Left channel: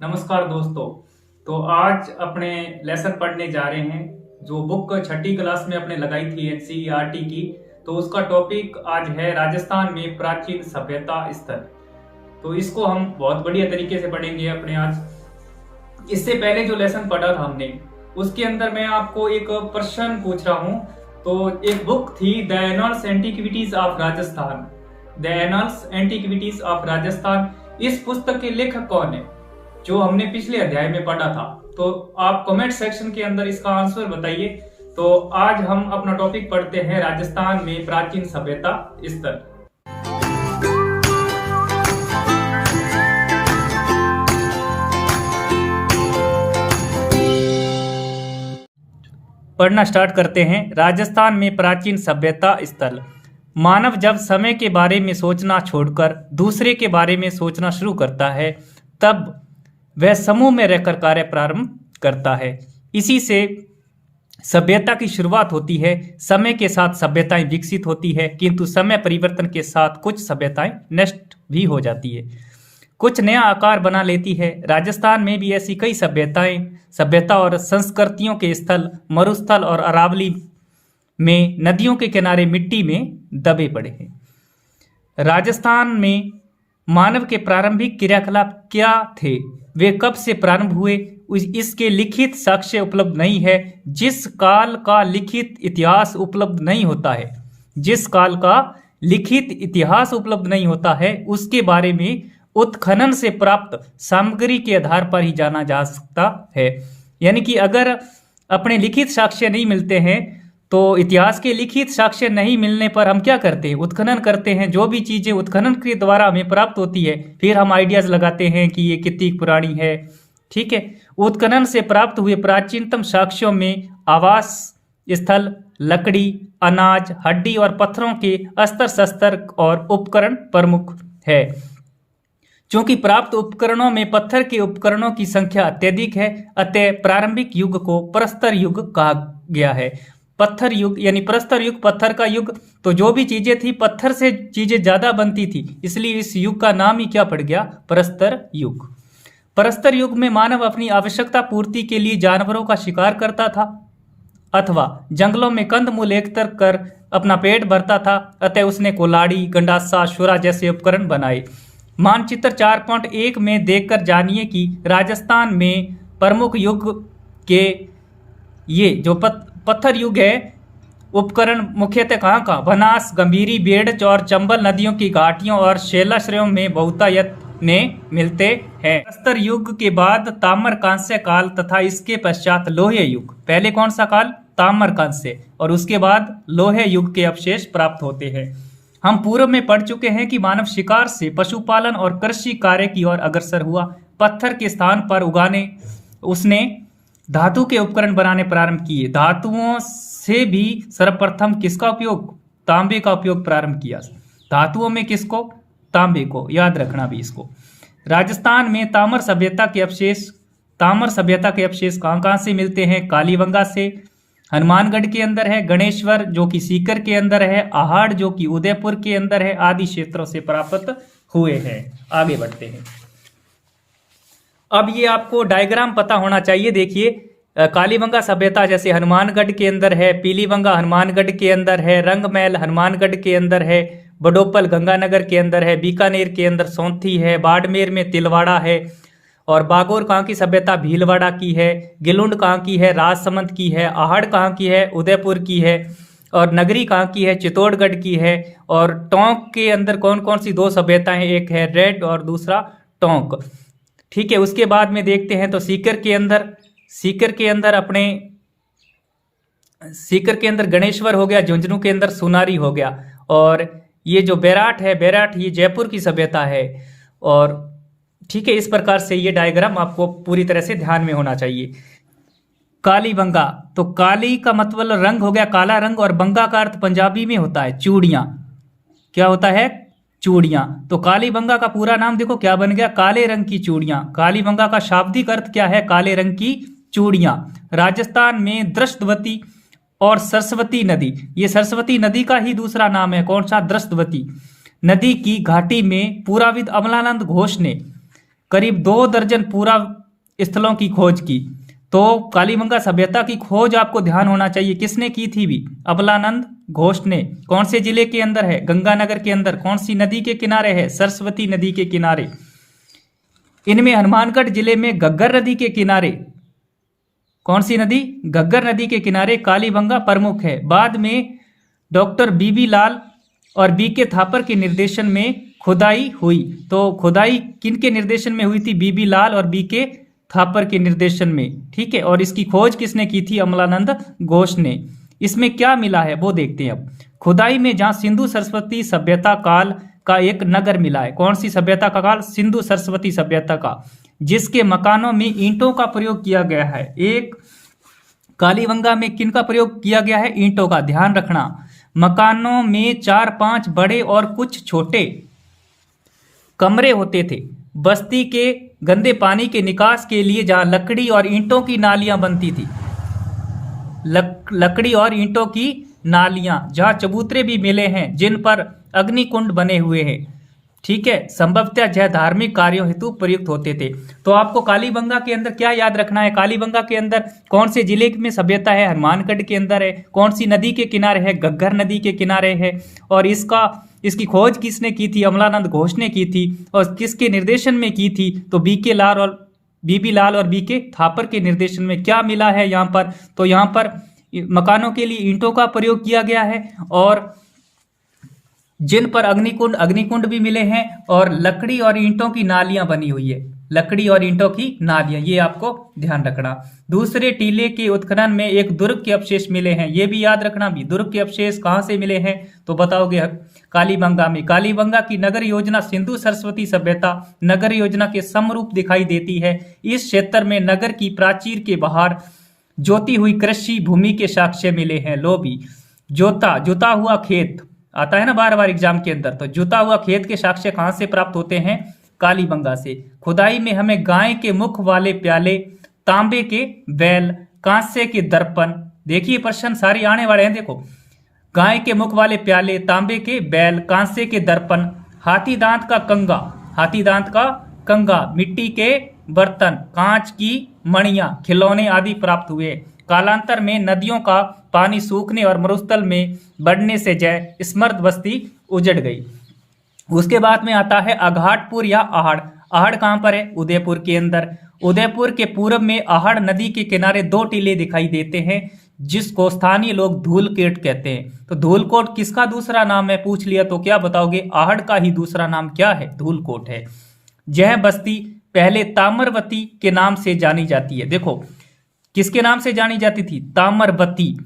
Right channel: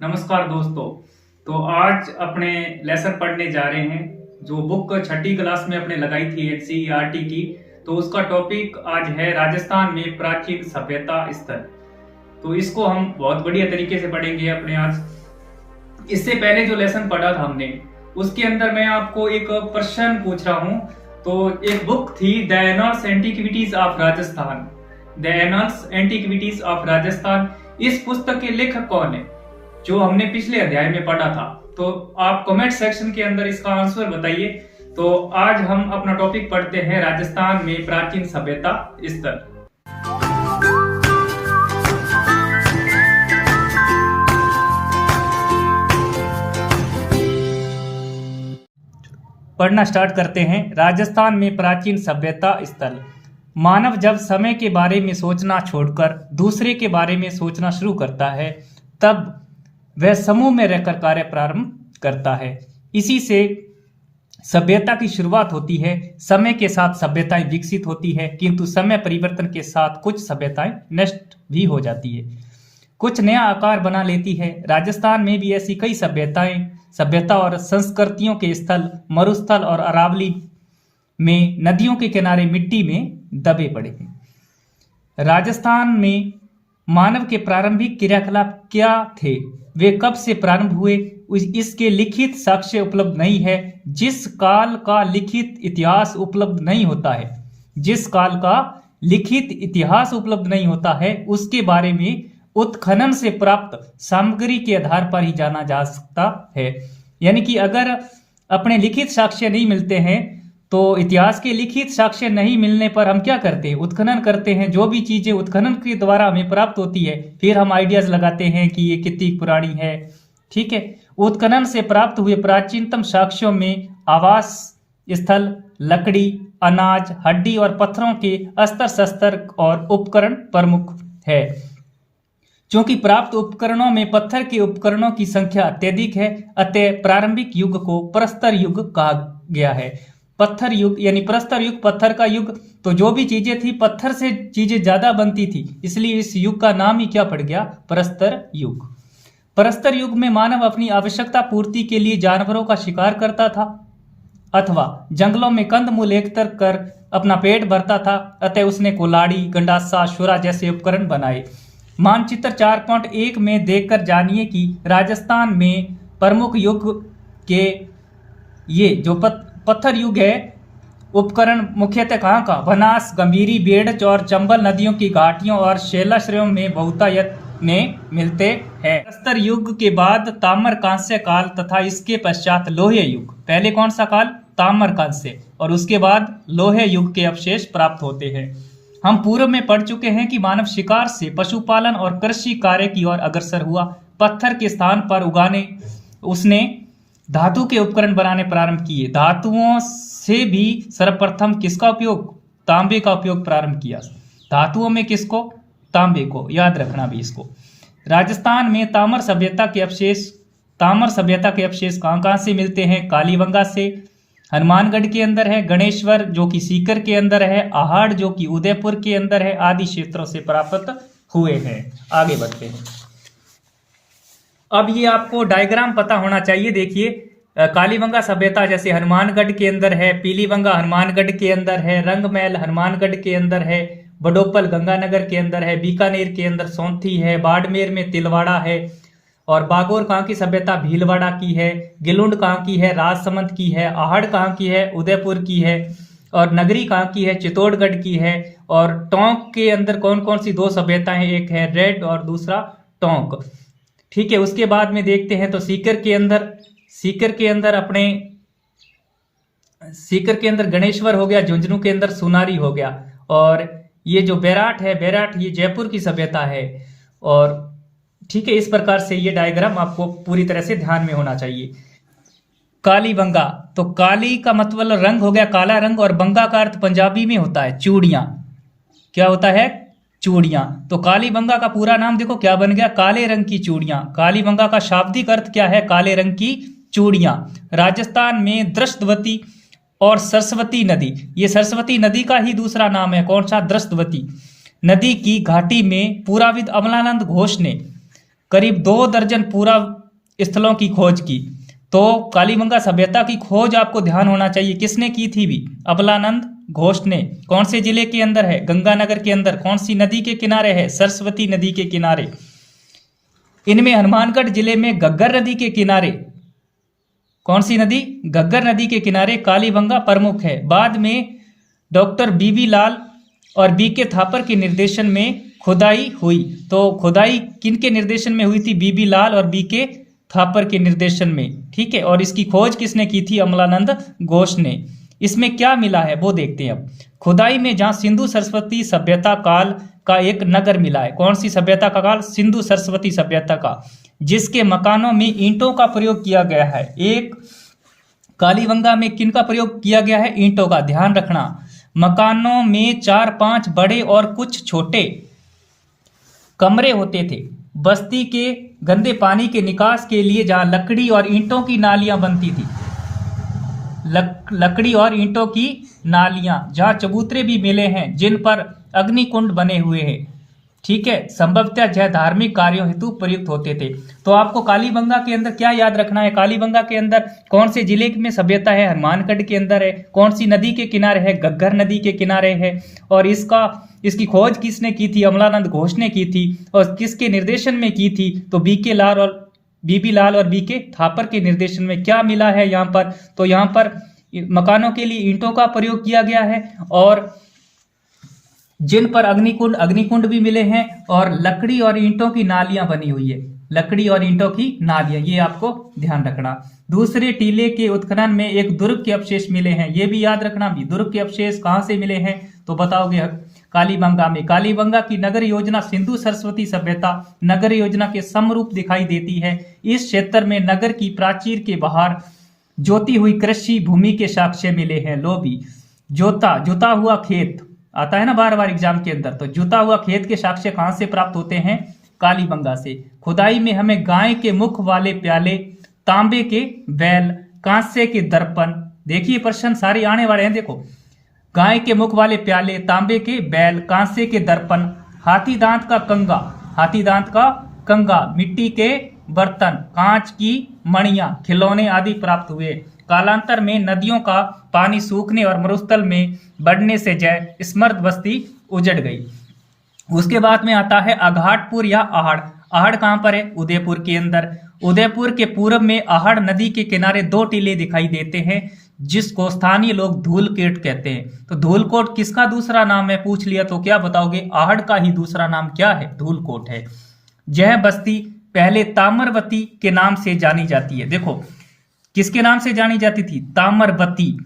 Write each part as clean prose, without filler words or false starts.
नमस्कार दोस्तों। तो आज अपने लेसन पढ़ने जा रहे हैं जो बुक छठी क्लास में अपने लगाई थी एनसीईआरटी की। तो उसका टॉपिक आज है राजस्थान में प्राचीन सभ्यता स्थल। तो इसको हम बहुत बढ़िया तरीके से पढ़ेंगे अपने आज। इससे पहले जो लेसन पढ़ा था हमने उसके अंदर मैं आपको एक प्रश्न पूछ रहा हूं। तो एक बुक थी the annuls antiquities of Rajasthan. The annuls antiquities of Rajasthan. इस पुस्तक के लेखक कौन है जो हमने पिछले अध्याय में पढ़ा था? तो आप कमेंट सेक्शन के अंदर इसका आंसर बताइए। तो आज हम अपना टॉपिक पढ़ते हैं राजस्थान में प्राचीन सभ्यता स्थल। पढ़ना स्टार्ट करते हैं। राजस्थान में प्राचीन सभ्यता स्थल। मानव जब समय के बारे में सोचना छोड़कर दूसरे के बारे में सोचना शुरू करता है तब वह समूह में रहकर कार्य प्रारंभ करता है। इसी से सभ्यता की शुरुआत होती है। समय के साथ सभ्यताएं विकसित होती है, किंतु समय परिवर्तन के साथ कुछ सभ्यताएं नष्ट भी हो जाती है, कुछ नया आकार बना लेती है। राजस्थान में भी ऐसी कई सभ्यता और संस्कृतियों के स्थल मरुस्थल और अरावली में नदियों के किनारे मिट्टी में दबे पड़े हैं। राजस्थान में मानव के प्रारंभिक क्रियाकलाप क्या थे, वे कब से प्रारंभ हुए, इसके लिखित साक्ष्य उपलब्ध नहीं है। जिस काल का लिखित इतिहास उपलब्ध नहीं होता है उसके बारे में उत्खनन से प्राप्त सामग्री के आधार पर ही जाना जा सकता है। यानी कि अगर अपने लिखित साक्ष्य नहीं मिलते हैं तो इतिहास के लिखित साक्ष्य नहीं मिलने पर हम क्या करते हैं? उत्खनन करते हैं। जो भी चीजें उत्खनन के द्वारा हमें प्राप्त होती है फिर हम आइडियाज लगाते हैं कि ये कितनी पुरानी है। ठीक है। उत्खनन से प्राप्त हुए प्राचीनतम साक्ष्यों में आवास स्थल, लकड़ी, अनाज, हड्डी और पत्थरों के अस्त्र शस्त्र और उपकरण प्रमुख है। चूंकि प्राप्त उपकरणों में पत्थर के उपकरणों की संख्या अत्यधिक है, अतः प्रारंभिक युग को प्रस्तर युग कहा गया है। पत्थर युग यानी प्रस्तर युग, पत्थर का युग। तो जो भी चीजें थी पत्थर से चीजें ज्यादा बनती थी, इसलिए इस युग का नाम ही क्या पड़ गया? प्रस्तर युग। प्रस्तर युग में मानव अपनी आवश्यकता पूर्ति के लिए जानवरों का शिकार करता था अथवा जंगलों में कंदमूल एकत्र कर अपना पेट भरता था, अतः उसने कुल्हाड़ी, गंडासा, छुरा जैसे उपकरण बनाए। मानचित्र 4.1 में देखकर जानिए कि राजस्थान में प्रमुख युग के ये जो पत्थर युग है उपकरण मुख्यतः कहाँ बनास, गंभीरी, बेड़च और चंबल नदियों की घाटियों और शैलाश्रयों में बहुतायत में मिलते हैं। प्रस्तर युग के बाद ताम्र कांस्य काल तथा इसके पश्चात लोहे युग। पहले कौन सा काल? ताम्र कांस्य, और उसके बाद लोहे युग के अवशेष प्राप्त होते हैं। हम पूर्व में पढ़ चुके हैं कि मानव शिकार से पशुपालन और कृषि कार्य की ओर अग्रसर हुआ। पत्थर के स्थान पर उगाने उसने धातु के उपकरण बनाने प्रारंभ किए। धातुओं से भी सर्वप्रथम किसका उपयोग? तांबे का उपयोग प्रारंभ किया। धातुओं में किसको? तांबे को। याद रखना भी इसको। राजस्थान में ताम्र सभ्यता के अवशेष कहाँ से मिलते हैं? कालीबंगा से, हनुमानगढ़ के अंदर है, गणेश्वर जो कि सीकर के अंदर है, आहड़ जो कि उदयपुर के अंदर है, आदि क्षेत्रों से प्राप्त हुए हैं। आगे बढ़ते हैं। अब ये आपको डायग्राम पता होना चाहिए। देखिए, कालीबंगा सभ्यता जैसे हनुमानगढ़ के अंदर है, पीलीबंगा हनुमानगढ़ के अंदर है, रंगमहल हनुमानगढ़ के अंदर है, बडोपल गंगानगर के अंदर है, बीकानेर के अंदर सौंथी है, बाड़मेर में तिलवाड़ा है, और बागोर कहाँ की सभ्यता? भीलवाड़ा की है। गिलुंड कहाँ की है? राजसमंद की है। आहड़ कहाँ की है? उदयपुर की है। और नगरी कहाँ की है? चित्तौड़गढ़ की है। और टोंक के अंदर कौन कौन सी दो सभ्यताएं? एक है रेड और दूसरा टोंक। ठीक है। उसके बाद में देखते हैं तो सीकर के अंदर गणेश्वर हो गया, झुंझुनू के अंदर सुनारी हो गया, और ये जो बैराट ये जयपुर की सभ्यता है। और ठीक है, इस प्रकार से ये डायग्राम आपको पूरी तरह से ध्यान में होना चाहिए। कालीबंगा, तो काली का मतलब रंग हो गया, काला रंग, और बंगा का अर्थ पंजाबी में होता है चूड़ियां। क्या होता है? चूड़ियां। तो कालीबंगा का पूरा नाम देखो क्या बन गया? काले रंग की चूड़ियां। कालीबंगा का शाब्दिक अर्थ क्या है? काले रंग की चूड़ियां। राजस्थान में दृष्टवती और सरस्वती नदी, ये सरस्वती नदी का ही दूसरा नाम है। कौन सा? दृष्टवती नदी की घाटी में पुराविद अमलानंद घोष ने करीब 2 दर्जन पूरा स्थलों की खोज की। तो कालीबंगा सभ्यता की खोज आपको ध्यान होना चाहिए किसने की थी भी, अबलानंद घोष ने। कौन से जिले के अंदर है, गंगानगर के अंदर। कौन सी नदी के किनारे है, सरस्वती नदी के किनारे। इनमें हनुमानगढ़ जिले में घग्गर नदी के किनारे, कौन सी नदी, घग्गर नदी के किनारे कालीबंगा प्रमुख है। बाद में डॉक्टर बीबी लाल और बीके थापर के निर्देशन में खुदाई हुई। तो खुदाई किनके निर्देशन में हुई थी, बीबी लाल और बीके थापर के निर्देशन में, ठीक है। और इसकी खोज किसने की थी, अमलानंद घोष ने। इसमें क्या मिला है वो देखते हैं अब। खुदाई में जहां सिंधु सरस्वती सभ्यता काल का एक नगर मिला है। कौन सी सभ्यता का काल, सिंधु सरस्वती सभ्यता का, जिसके मकानों में ईंटों का प्रयोग किया गया है। एक कालीबंगा में किन का प्रयोग किया गया है, ईंटों का, ध्यान रखना। मकानों में 4-5 बड़े और कुछ छोटे कमरे होते थे। बस्ती के गंदे पानी के निकास के लिए जहां लकड़ी और ईंटों की नालियां बनती थी, लकड़ी और ईंटों की नालियां, जहां चबूतरे भी मिले हैं जिन पर अग्निकुंड बने हुए हैं, ठीक है। संभवतः यह धार्मिक कार्यों हेतु प्रयुक्त होते थे। तो आपको कालीबंगा के अंदर क्या याद रखना है, कालीबंगा के अंदर कौन से जिले में सभ्यता है, हनुमानगढ़ के अंदर है। कौन सी नदी के किनारे है, घग्गर नदी के किनारे है। और इसकी खोज किसने की थी, अमलानंद घोष ने की थी। और किसके निर्देशन में की थी, तो बीबी लाल और बीके थापर के निर्देशन में। क्या मिला है यहाँ पर, तो यहाँ पर मकानों के लिए ईंटों का प्रयोग किया गया है और जिन पर अग्निकुंड भी मिले हैं, और लकड़ी और ईंटों की नालियां बनी हुई है, लकड़ी और ईंटों की नालियां, ये आपको ध्यान रखना। दूसरे टीले के उत्खनन में एक दुर्ग के अवशेष मिले हैं, ये भी याद रखना भी। दुर्ग के अवशेष कहां से मिले हैं, तो बताओगे कालीबंगा में। कालीबंगा की नगर योजना सिंधु सरस्वती सभ्यता नगर योजना के समरूप दिखाई देती है। इस क्षेत्र में नगर की प्राचीर के बाहर जोती हुई कृषि भूमि के साक्ष्य मिले हैं। लो भी, जोता हुआ खेत आता है ना बार बार एग्जाम के अंदर, तो जुता हुआ खेत के साक्ष्य कहां से प्राप्त होते हैं, कालीबंगा से। खुदाई में हमें गाय के मुख वाले प्याले, तांबे के बैल, कांसे के दर्पण, देखिए प्रश्न सारे आने वाले हैं, देखो। गाय के मुख वाले प्याले, तांबे के बैल, कांसे के दर्पण, हाथी दांत का कंगा, मिट्टी के बर्तन, कांच की मणियां, खिलौने आदि प्राप्त हुए। कालांतर में नदियों का पानी सूखने और मरुस्थल में बढ़ने से जय स्मर्द बस्ती उजड़ गई। उसके बाद में आता है अघाटपुर या आहड़। आहड़ कहां पर है, उदयपुर के अंदर। उदयपुर के पूर्व में आहड़ नदी के किनारे 2 टीले दिखाई देते हैं जिसको स्थानीय लोग धूलकेट कहते हैं। तो धूलकोट किसका दूसरा नाम है, पूछ लिया तो क्या बताओगे, आहड़ का ही दूसरा नाम क्या है, धूलकोट है। यह बस्ती पहले ताम्रवती के नाम से जानी जाती है। देखो किसके नाम से जानी जाती थी, ताम्रवती।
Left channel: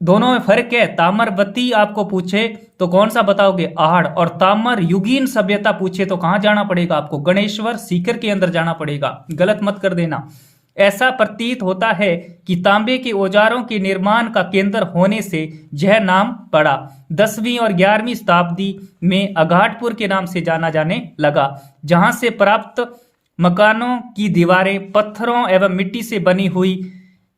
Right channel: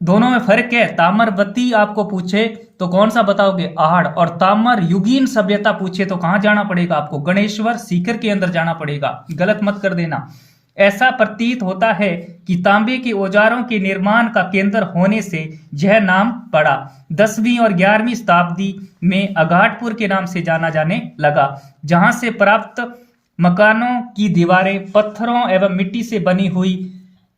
दोनों में फर्क है, ताम्रवती आपको पूछे तो कौन सा बताओगे, आहड़। और ताम्र युगीन सभ्यता पूछे तो कहां जाना पड़ेगा आपको, गणेश्वर सीकर के अंदर जाना पड़ेगा, गलत मत कर देना। ऐसा प्रतीत होता है कि तांबे के औजारों के निर्माण का केंद्र होने से यह नाम पड़ा। 10वीं और 11वीं शताब्दी में अघाटपुर के नाम से जाना जाने लगा, जहां से प्राप्त मकानों की दीवारें पत्थरों एवं मिट्टी से बनी हुई,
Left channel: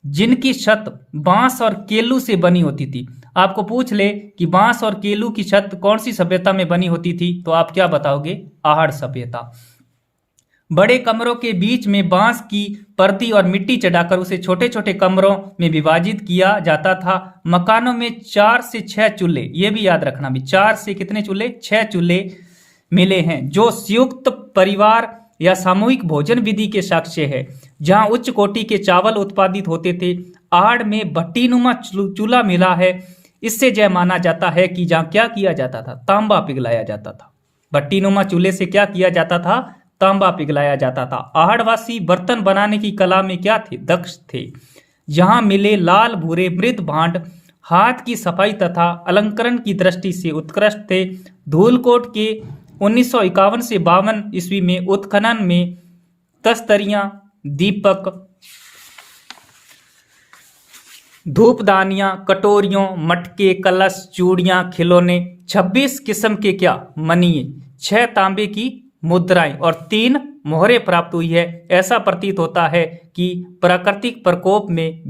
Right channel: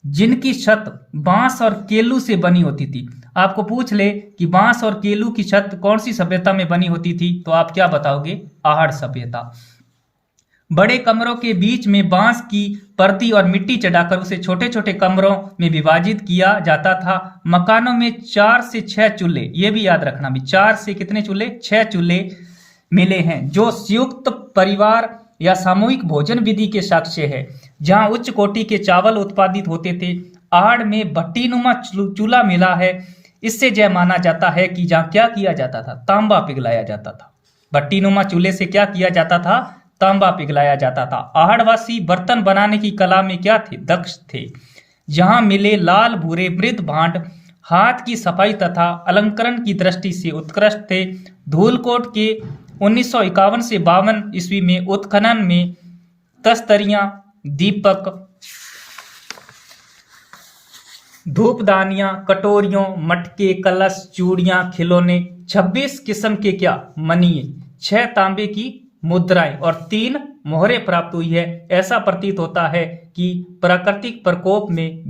जिनकी छत बांस और केलू से बनी होती थी। आपको पूछ ले कि बांस और केलू की छत कौन सी सभ्यता में बनी होती थी, तो आप क्या बताओगे, आहड़ सभ्यता। बड़े कमरों के बीच में बांस की परती और मिट्टी चढ़ाकर उसे छोटे छोटे कमरों में विभाजित किया जाता था। मकानों में 4 से 6 चूल्हे, ये भी याद रखना भी, 4 से कितने चूल्हे, 6 चूल्हे मिले हैं, जो संयुक्त परिवार या सामूहिक भोजन विधि के साक्ष्य है। जहां उच्च कोटि के चावल उत्पादित होते थे। आहड़ में भट्टीनुमा चूल्हा मिला है। इससे यह माना जाता है कि जहां क्या किया जाता था, तांबा पिघलाया जाता था। भट्टीनुमा चूल्हे से क्या किया जाता था, तांबा पिघलाया जाता था। आहड़वासी बर्तन बनाने की कला में क्या थे, दक्ष थे। जहां मिले लाल भूरे मृद भांड हाथ की सफाई तथा अलंकरण की दृष्टि से उत्कृष्ट थे। धूलकोट के 1951 से 52 ईस्वी में उत्खनन में तस्तरियां, दीपक, धूपदानियां, कटोरियों, मटके, कलश, चूड़ियां, खिलौने, 26 किस्म के क्या, मणिये, 6 तांबे की मुद्राएं और 3 मोहरें प्राप्त हुई है। ऐसा प्रतीत होता है कि प्राकृतिक प्रकोप में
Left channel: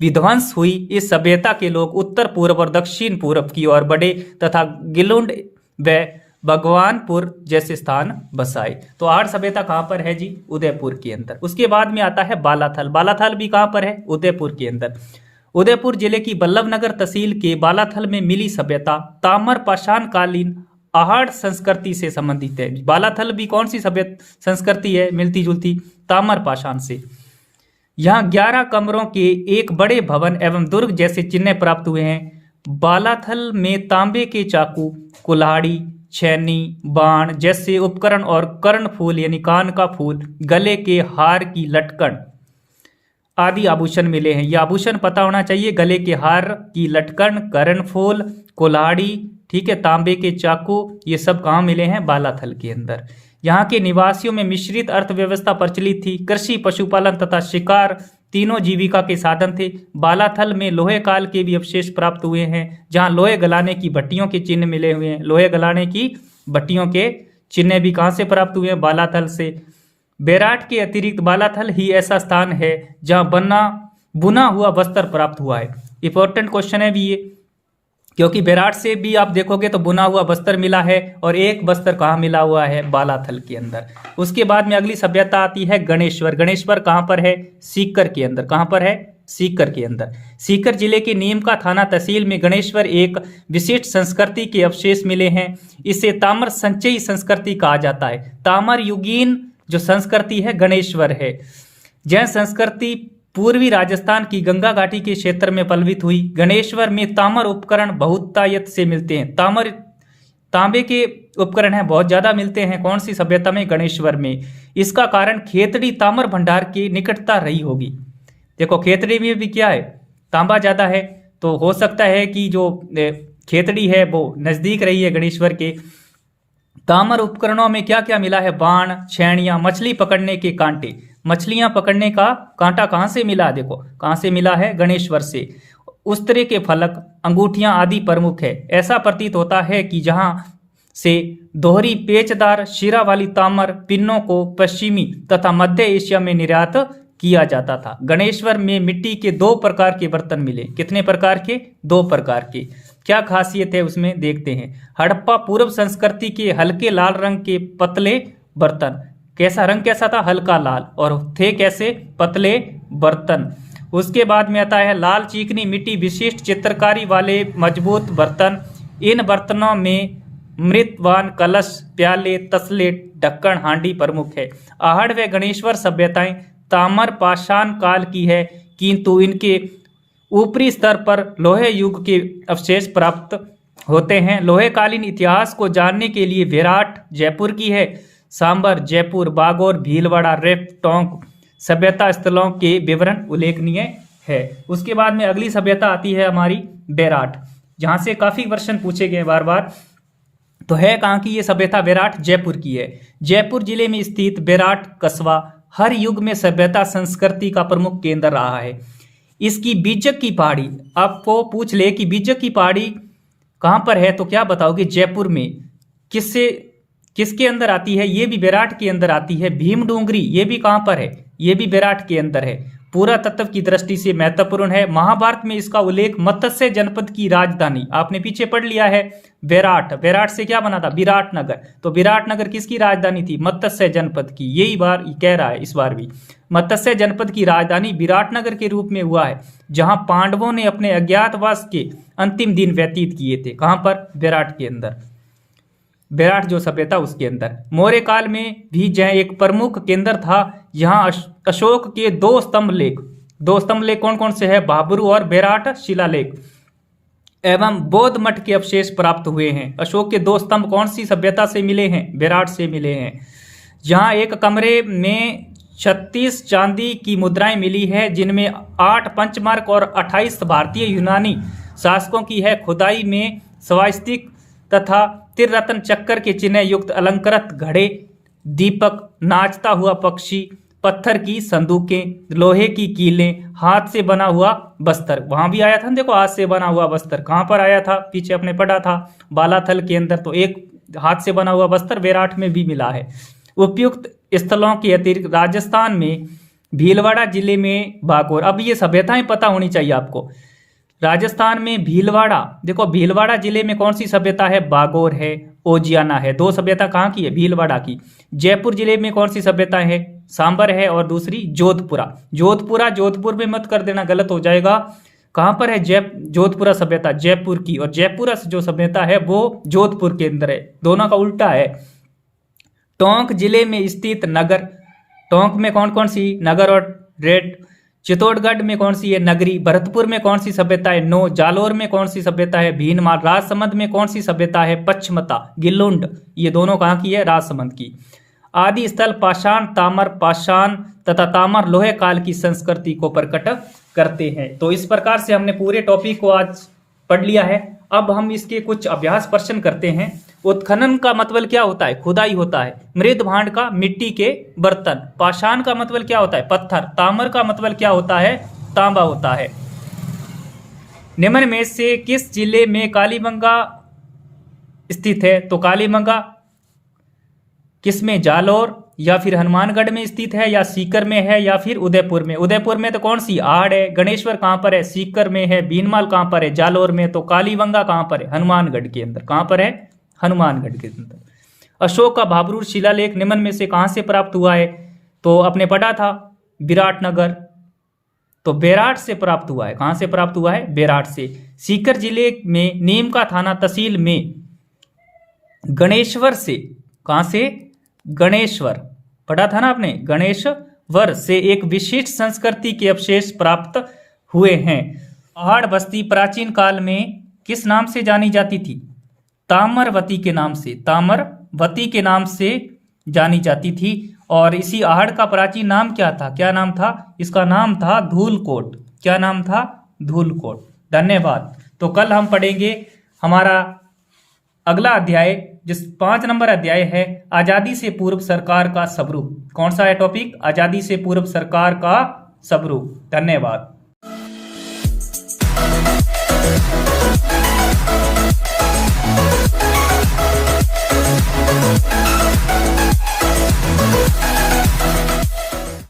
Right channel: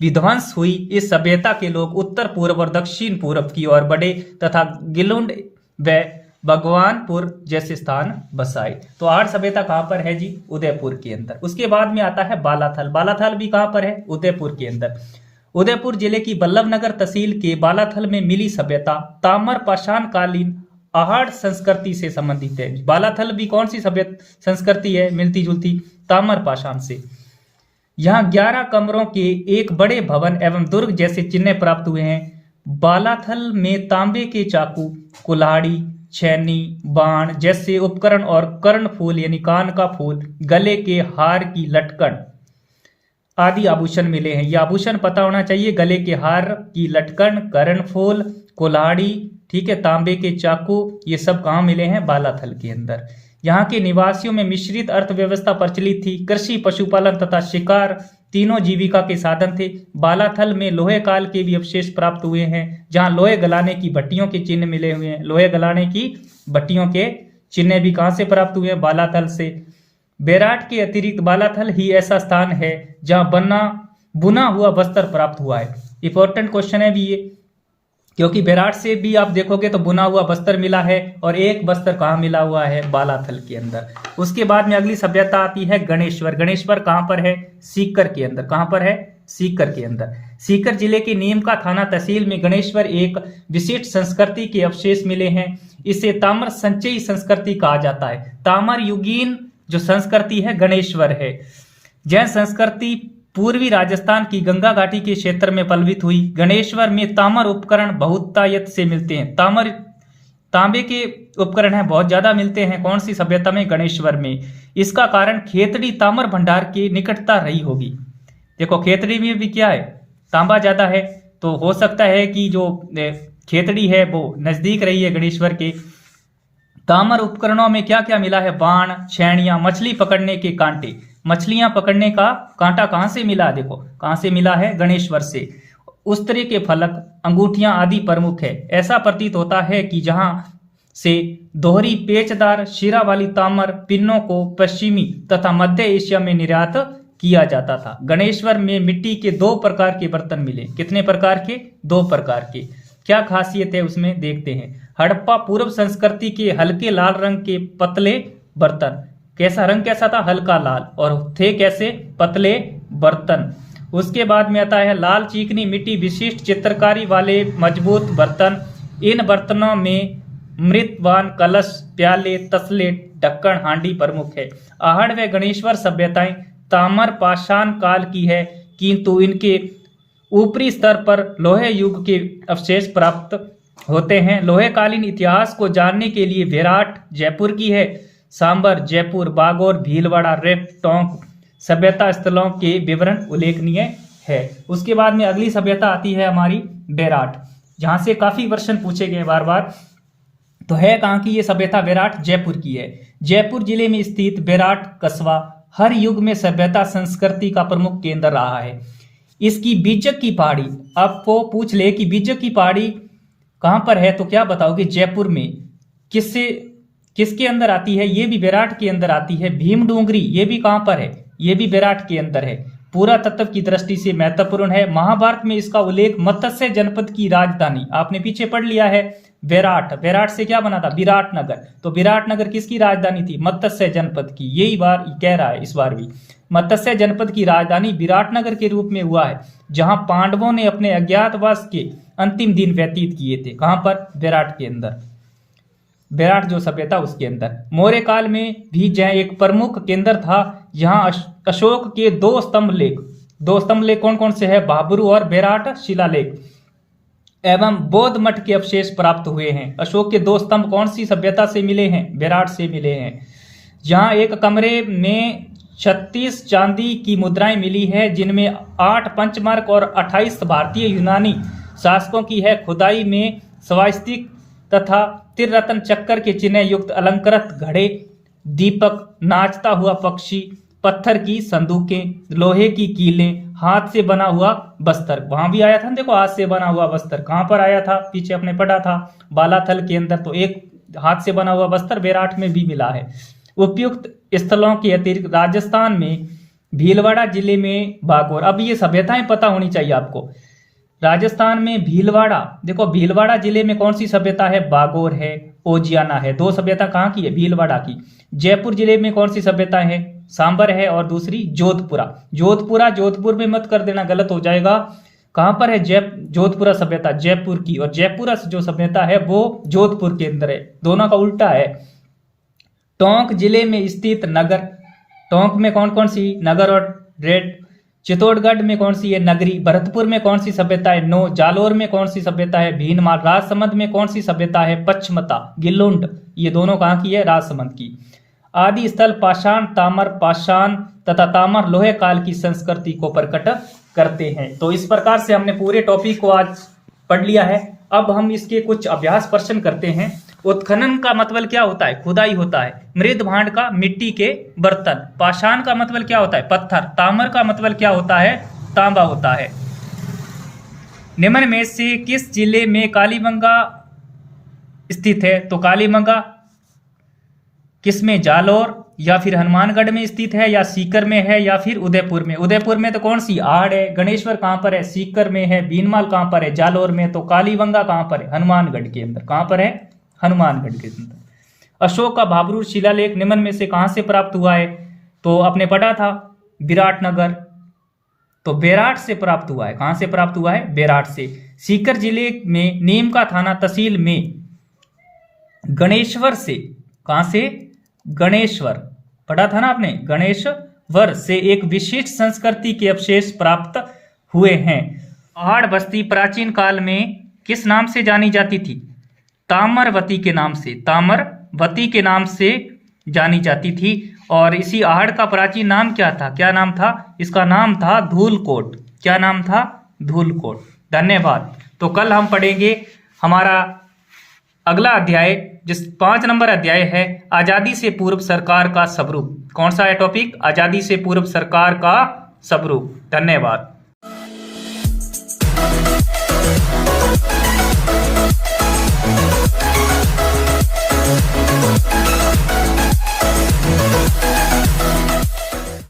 विध्वंस हुई इस सभ्यता के लोग उत्तर पूर्व और दक्षिण पूर्व की ओर बढ़े तथा गिलुंड व भगवानपुर जैसे स्थान बसाए। तो आर्य सभ्यता कहाँ पर है जी? उदयपुर के अंदर। उसके बाद में आता है बालाथल। बालाथल भी कहाँ पर है? उदयपुर के अंदर। उदयपुर जिले की बल्लभनगर तहसील के बालाथल में मिली सभ्यता ताम्र पाषाण कालीन आहड़ संस्कृति से संबंधित है। बालाथल भी कौन सी सभ्य संस्कृति है? मिलती जुलती, ताम्र पाषाण से। यहाँ 11 कमरों के एक बड़े भवन एवं दुर्ग जैसे चिन्ह प्राप्त हुए हैं। बालाथल में तांबे के चाकू, कुल्हाड़ी, छैनी, बाण जैसे उपकरण और कर्ण फूल यानी कान का फूल, गले के हार की लटकन आदि आभूषण मिले हैं। ये आभूषण पता होना चाहिए, गले के हार की लटकन, कर्ण फूल, कुल्हाड़ी, ठीक है, तांबे के चाकू, ये सब कहाँ मिले हैं? बालाथल के अंदर। यहाँ के निवासियों में मिश्रित अर्थव्यवस्था प्रचलित थी। कृषि, पशुपालन तथा शिकार तीनों जीविका के साधन थे। बालाथल में लोहे काल के भी अवशेष प्राप्त हुए हैं, जहाँ लोहे गलाने की भट्टियों के चिन्ह मिले हुए हैं। लोहे गलाने की भट्टियों के चिन्ह भी कहाँ से प्राप्त हुए हैं? बालाथल से। बेराट के अतिरिक्त बालाथल ही ऐसा स्थान है जहाँ बुना हुआ वस्त्र प्राप्त हुआ है। इंपॉर्टेंट क्वेश्चन है भी ये, क्योंकि बेराट से भी आप देखोगे तो बुना हुआ वस्त्र मिला है, और एक वस्त्र कहाँ मिला हुआ है? बालाथल के अंदर। उसके बाद में अगली सभ्यता आती है गणेश्वर। गणेश्वर कहाँ पर है? सीकर के अंदर। कहाँ पर है? सीकर के अंदर। सीकर जिले के नीमका थाना तहसील में गणेश्वर एक विशिष्ट संस्कृति के अवशेष मिले हैं। इसे ताम्र संचयी संस्कृति कहा जाता है। ताम्र युगीन जो संस्कृति है गणेश्वर है। यह संस्कृति पूर्वी राजस्थान की गंगा घाटी के क्षेत्र में पल्वित हुई। गणेश्वर में ताम्र उपकरण बहुतायत से मिलते हैं। तांबे के उपकरण हैं, बहुत ज्यादा मिलते हैं। कौन सी सभ्यता में? गणेश्वर में। इसका कारण खेतड़ी ताम्र भंडार की निकटता रही होगी। देखो खेतड़ी में भी क्या है? तांबा ज्यादा है, तो हो सकता है कि जो खेतड़ी है वो नजदीक रही है गणेश्वर के। ताम्र उपकरणों में क्या क्या मिला है? बाण, छेड़ियां, मछली पकड़ने के कांटे। मछलियां पकड़ने का कांटा कहां से मिला? देखो कहां से मिला है? गणेश्वर से। उस्तरे के फलक, अंगूठियां आदि प्रमुख है। ऐसा प्रतीत होता है कि जहां से दोहरी पेचदार शिरा वाली ताम्र पिन्नों को पश्चिमी तथा मध्य एशिया में निर्यात किया जाता था। गणेश्वर में मिट्टी के 2 प्रकार के बर्तन मिले। कितने प्रकार के? 2 प्रकार के। क्या खासियत है उसमें? देखते हैं। हड़प्पा पूर्व संस्कृति के हल्के लाल रंग के पतले बर्तन। कैसा रंग? कैसा था? हल्का लाल। और थे कैसे? पतले बर्तन। उसके बाद में आता है लाल चीकनी मिट्टी विशिष्ट चित्रकारी वाले मजबूत बर्तन। इन बर्तनों में मृतवान, कलश, प्याले, तसले, ढक्कन, हांडी प्रमुख है। आहड़ व गणेश्वर सभ्यताएं ताम्र पाषाण काल की है, किंतु इनके ऊपरी स्तर पर लोहे युग के अवशेष प्राप्त होते हैं। लोहे कालीन इतिहास को जानने के लिए बेराट जयपुर की है, सांबर जयपुर, बागोर, भीलवाड़ा, रेप, टोंक सभ्यता स्थलों के विवरण उल्लेखनीय है। उसके बाद में अगली सभ्यता आती है हमारी बेराट, जहां से काफी क्वेश्चन पूछे गए बार बार। तो है कहाँ की ये सभ्यता? बेराट जयपुर की है। जयपुर जिले में स्थित बेराट कस्बा हर युग में सभ्यता संस्कृति का प्रमुख केंद्र रहा है। इसकी बीजक की पहाड़ी, आपको पूछ ले कि बीजक की पहाड़ी कहां पर है, तो क्या बताओगे? जयपुर में। किसके अंदर आती है? ये भी बेराट के अंदर आती है। भीम डूंगरी, ये भी कहां पर है? ये भी बेराट के अंदर है। पूरा तत्व की दृष्टि से महत्वपूर्ण है। महाभारत में इसका उल्लेख मत्स्य जनपद की राजधानी, आपने पीछे पढ़ लिया है, बेराट। बेराट से क्या बना था? विराटनगर। तो विराटनगर किसकी राजधानी थी? मत्स्य जनपद की। यही बार कह रहा है इस बार भी। मत्स्य जनपद की राजधानी विराटनगर के रूप में हुआ है, जहां पांडवों ने अपने अज्ञातवास के अंतिम दिन व्यतीत किए थे। कहां पर? बेराट के अंदर। बेराट जो सभ्यता उसके अंदर। मौर्य काल में भी यह एक प्रमुख केंद्र था। यहाँ अशोक के 2 स्तंभ लेख, 2 स्तंभ लेख कौन कौन से है? भाबरू और बेराट शिलालेख एवं बौद्ध मठ के अवशेष प्राप्त हुए हैं। अशोक के 2 स्तंभ कौन सी सभ्यता से मिले हैं? बेराट से मिले हैं। जहाँ एक कमरे में 36 चांदी की मुद्राएं मिली है, जिनमें 8 पंचमार्क और 28 भारतीय यूनानी शासकों की है। खुदाई में स्वास्तिक तथा त्रिरत्न चक्कर के चिन्ह युक्त अलंकृत घड़े, दीपक, नाचता हुआ पक्षी, पत्थर की संदूकें, लोहे की कीलें, हाथ से बना हुआ बस्तर। वहां भी आया था, देखो हाथ से बना हुआ बस्तर कहां पर आया था? पीछे अपने पढ़ा था, बालाथल के अंदर। तो एक हाथ से बना हुआ बस्तर बेराट में भी मिला है। उपयुक्त स्थलों के अतिरिक्त राजस्थान में भीलवाड़ा जिले में बागोर। अब ये सभ्यताएं पता होनी चाहिए आपको। राजस्थान में भीलवाड़ा, देखो भीलवाड़ा जिले में कौन सी सभ्यता है? बागोर है। ओजियाना है। दो सभ्यता कहाँ की है? भीलवाड़ा की। जयपुर जिले में कौन सी सभ्यता है? सांबर है और दूसरी जोधपुरा। जोधपुर में मत कर देना, गलत हो जाएगा। कहां पर है? जोधपुरा सभ्यता जयपुर की, और जयपुरा जो सभ्यता है वो जोधपुर के अंदर है। दोनों का उल्टा है। टोंक जिले में स्थित नगर, टोंक में कौन कौन सी? नगर और रेड। चित्तौड़गढ़ में कौन सी है? नगरी। भरतपुर में कौन सी सभ्यता है? नो। जालोर में कौन सी सभ्यता है? भीनमाल। राजसमंद में कौन सी सभ्यता है? पचमता। गिलुंड। ये दोनों कहां की है? राजसमंद की। आदि स्थल पाषाण, तामर पाषाण तथा तामर लोहे काल की संस्कृति को प्रकट करते हैं। तो इस प्रकार से हमने पूरे टॉपिक को आज पढ़ लिया है। अब हम इसके कुछ अभ्यास प्रश्न करते हैं। उत्खनन का मतलब क्या होता है? खुदाई होता है। मृद भांड का मिट्टी के बर्तन। पाषाण का मतलब क्या होता है? पत्थर। ताम्र का मतलब क्या होता है? तांबा होता है। निम्न में से किस जिले में कालीबंगा स्थित है? तो कालीबंगा किस में? जालोर या फिर हनुमानगढ़ में स्थित है, या सीकर में है, या फिर उदयपुर में। उदयपुर में तो कौन सी? आहड़ है। गणेश्वर कहां पर है? सीकर में है। बीनमाल कहां पर है? जालोर में। तो कालीबंगा कहां पर है? हनुमानगढ़ के अंदर। कहां पर है? हनुमानगढ़ के अंदर। अशोक का भाबरू शिलालेख निम्न में से कहां से प्राप्त हुआ है? तो आपने पढ़ा था विराटनगर, तो बेराट से प्राप्त हुआ है। कहां से प्राप्त हुआ है? बेराट से। सीकर जिले में नीम का थाना तहसील में गणेश्वर से, कहां से? गणेश्वर, पढ़ा था ना आपने, गणेश्वर से एक विशिष्ट संस्कृति के अवशेष प्राप्त हुए हैं। पहाड़ बस्ती प्राचीन काल में किस नाम से जानी जाती थी? ताम्रवती के नाम से। ताम्रवती के नाम से जानी जाती थी। और इसी आहड़ का प्राचीन नाम क्या था? क्या नाम था? इसका नाम था धूलकोट। क्या नाम था? धूलकोट। धन्यवाद। तो कल हम पढ़ेंगे हमारा अगला अध्याय, जिस 5 नंबर अध्याय है आजादी से पूर्व सरकार का स्वरूप। कौन सा है टॉपिक? आजादी से पूर्व सरकार का स्वरूप। धन्यवाद।